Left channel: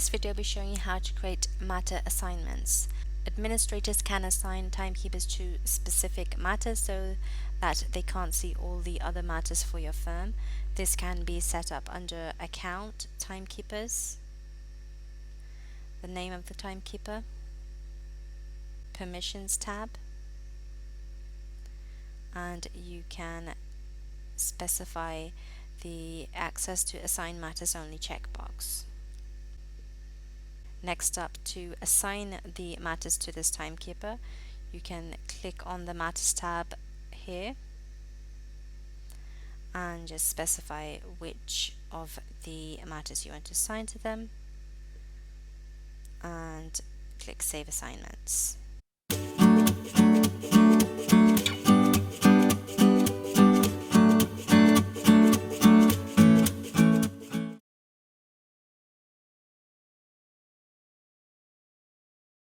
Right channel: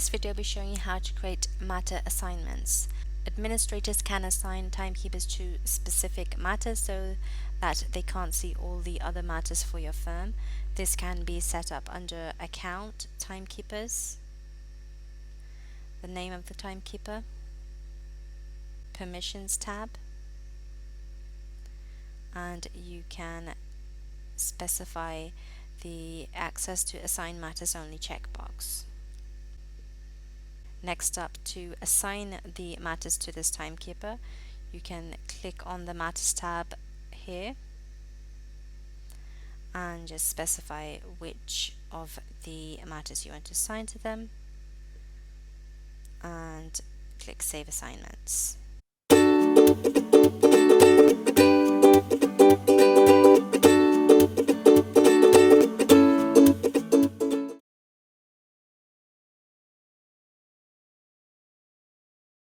this video, I'll be showing you how to create matter assignments. Administrators can assign timekeepers to specific matters so that they can't see all the other matters for your firm. This can be set up under Account, Timekeepers, the name of the timekeeper, Permissions tab, and you can specify the Access to Assign Matters Only checkbox. Next up, to assign the matters to this timekeeper, you can click on the Matters tab here and just specify which of the matters you want to assign to them and click Save Assignments.